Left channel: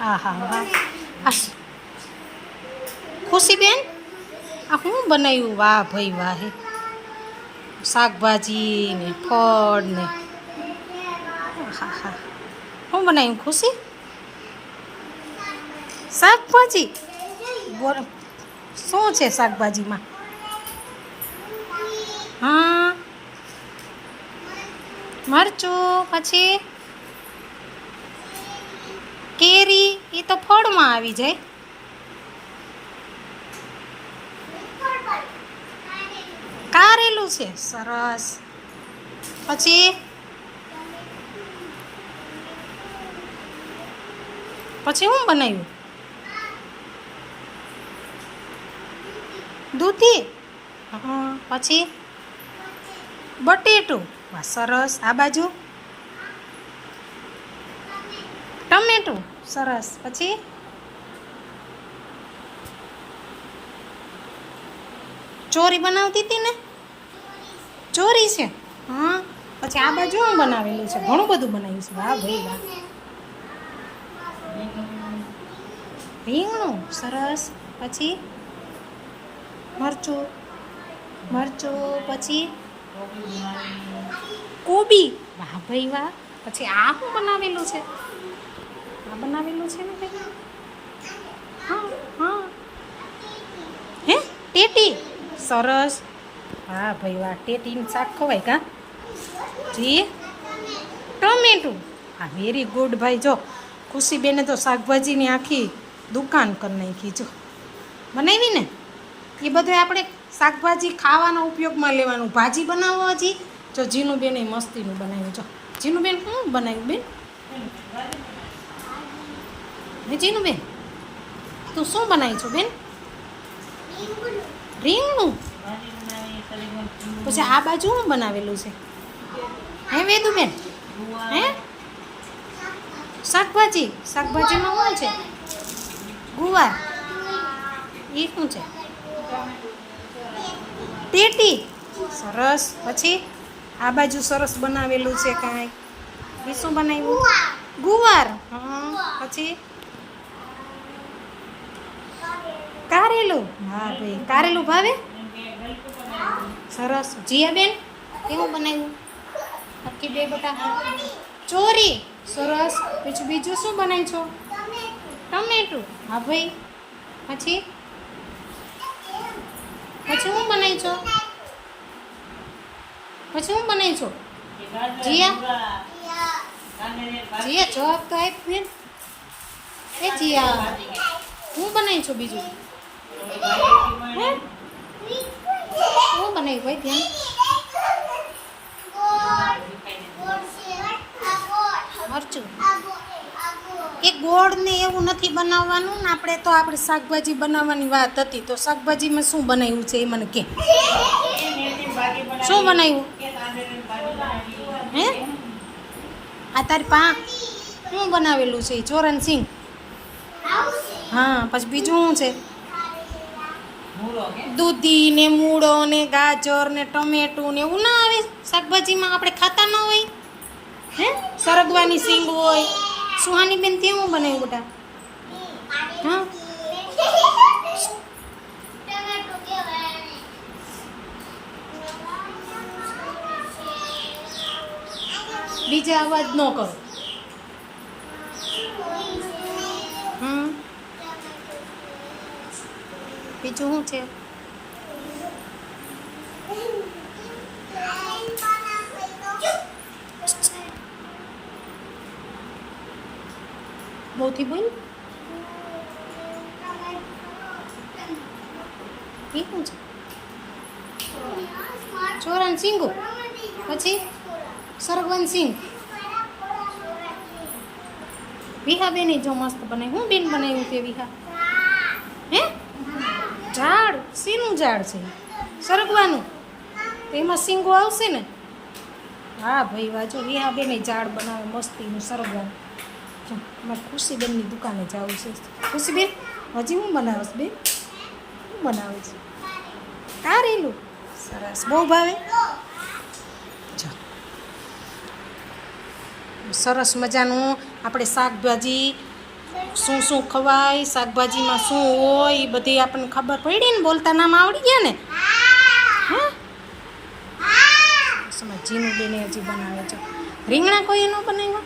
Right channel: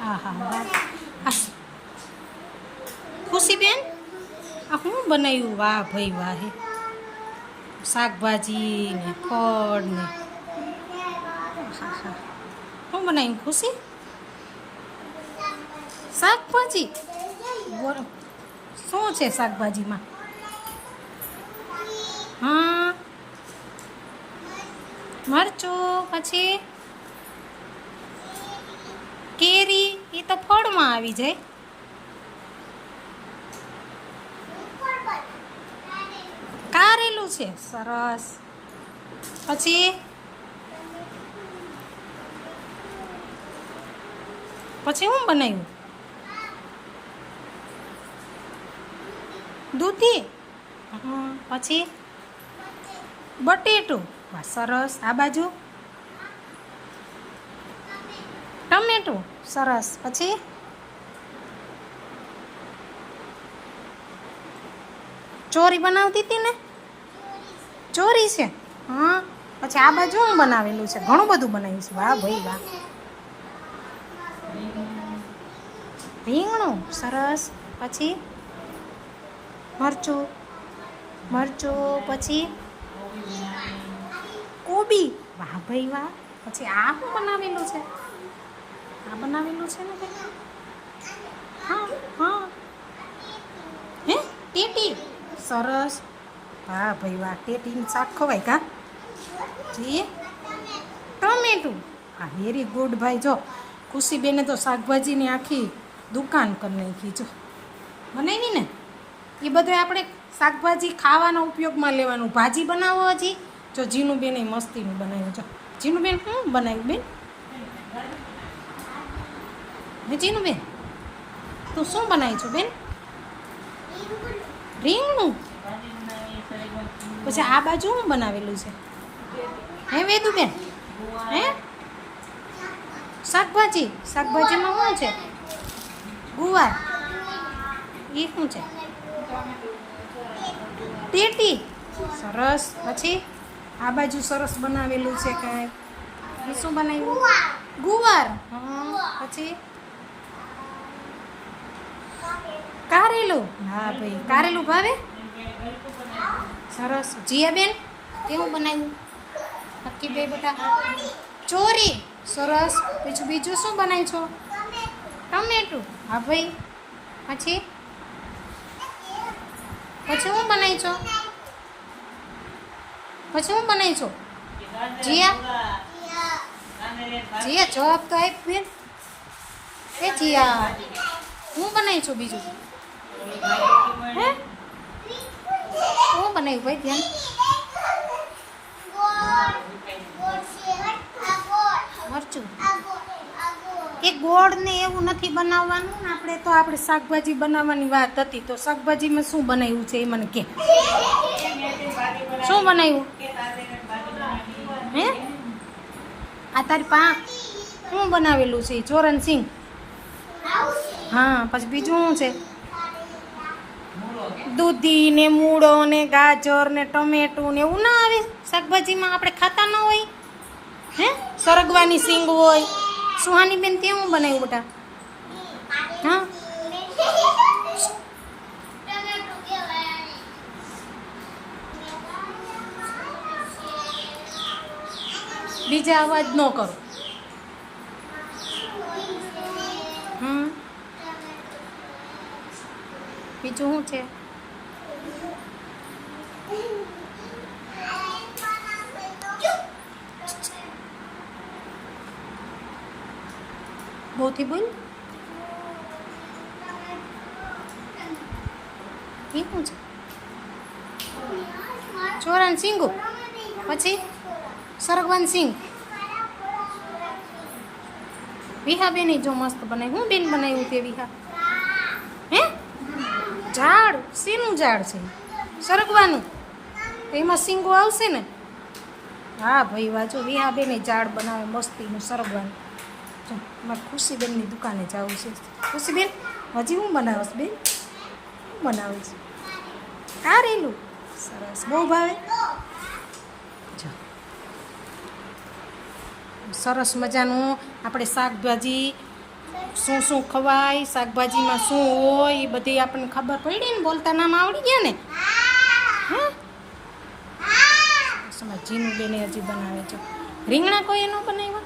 હા હા વાહ. આ ખુશીબેન, આ શું બનાવ્યું? વાહ ભાઈ વાહ. હે શાકભાજી ને ફળ ને હા હા. શું બનાવ્યું ખુશી? શાકભાજી. બોલો શું છે શાકભાજીમાં? હા, મરચું, પછી કેરી. એ તો ફળમાં આવી જાય. કારેલું છે, સરસ. પછી પછી શું બનાવ્યું? દૂધી. હા, પછી બટેટું. વાહ સરસ. આ બાજુ ટમેટું, સરસ. પછી ચોરી બનાવતી હતી ને? ચોરી છે. હા, પછી આ બાજુ શું બનાવેલું છે? ઘણું બધું બનાવ્યું છે. વાહ ભાઈ વાહ. રીંગણું, સરસ. પછી મરચું, મરચું. પછી કોબી. વાહ ભાઈ વાહ. પછી આ શું બનાવેલું છે? આ બનાવેલું છે ને કંઈ? હા હા. હે ટેટી, સરસ. હા ભાઈ વાહ. ટેટીનું શાક ખવાય કા? જી ટમેટું. હા વેરી ગુડ ભાઈ. જો ખુશીબેને તો શાકભાજીની આખી દુકાન કરી નાખી. જો બનાવી ને એ બધું આપણે શાકભાજી ખાવાના ઉપયોગમાં લેવાનું. ભાજી બનાવો હજી. જો જીનુબેન એ મસ્તીનું બનાવ્યું. જો જીનુબેન શું બનાવ્યું બેન? હે જીનુબેન, તું શું બનાવી છો બેન? રીંગણું. પછી આ બાજુ શું બનાવેલું છે? હે વેદુબેન, હે શાકભાજી. શાકભાજીમાં શું છે? ગુવાર. એ શું છે? ટેટી, સરસ. પછી આ બાજુ સરસ બનાવેલું છે કાંઈ. એ શું બનાવ્યું? ગુવાર. હા, પછી કારેલું. હા ભાઈ, કારેલું ભાવે? સરસ. જીયાબેન, કેવું બનાવ્યું? નક્કી બે બટા. ચોરી, સરસ. બીજું બીજું શું બનાવી છો? ટમેટું. હા ભાઈ. પછી પછી શું બનાવી છો? પછી શું બનાવી છો? જીયા, જીયા જવાબ તો આપ બેન. એ જીયા, હું બનાવી છું બીજું? હે શું બનાવ્યું ભાઈ? ધ્યાન. મરચું. એ ગોળ ને એવું નથી બનાવવાનું ને. આપણે તો આપણે શાકભાજી બનાવવાની વાત હતી. તો શાકભાજીમાં શું બનાવ્યું છે એ મને કે. શું બનાવ્યું? હે આ તારી પા શું બનાવેલું છે? ચોરણ સિંગ. હા, પછી બીજું શું છે? દૂધી ને મૂળો ને ગાજર ને ટમેટું ને એવું ના આવે શાકભાજીમાં? આપણે ખાતા ન હોય? હે સરગવાની સિંગ હોય. સુહાની બેન તે હું બનાવ્યું બેટા? હા, બીજા અવાજ ન કરો. બીજું શું છે? બહુથી બોલ. એ શું છે? ચોરાન સિંગુ. પછી સરગવાન સિંગ. વિહા બેન જો મસ્ત બનાવી. હું બેન બનાવ્યું તે વિહા? હે ઝાડ. શીનું ઝાડ છે? સરગવાનું. તો એમાં સિંગો આવશે ને? હા ભાઈ વાજો વિહા બેન ઝાડ બનાવે મસ્તીનું સરગવાનું. જો મારે ખુશીબેનની દુકાને જવું છે. ખુશીબેન હજી હું બનાવીશ બેન? શું બનાવે છે? કારેલું, સરસ. બહુ ભાવે? જો સરસ મજાનું આપણે શાકભાજી શું શું ખવાય, શાકભાજીમાં શું હોય એ બધી આપણને ખબર પડી ને, બોલતા નામ આવડી ગયા ને. હે સમજ જીનું બેને હજી બનાવે છે. રીંગણા કોઈ ન બનાવ્યા?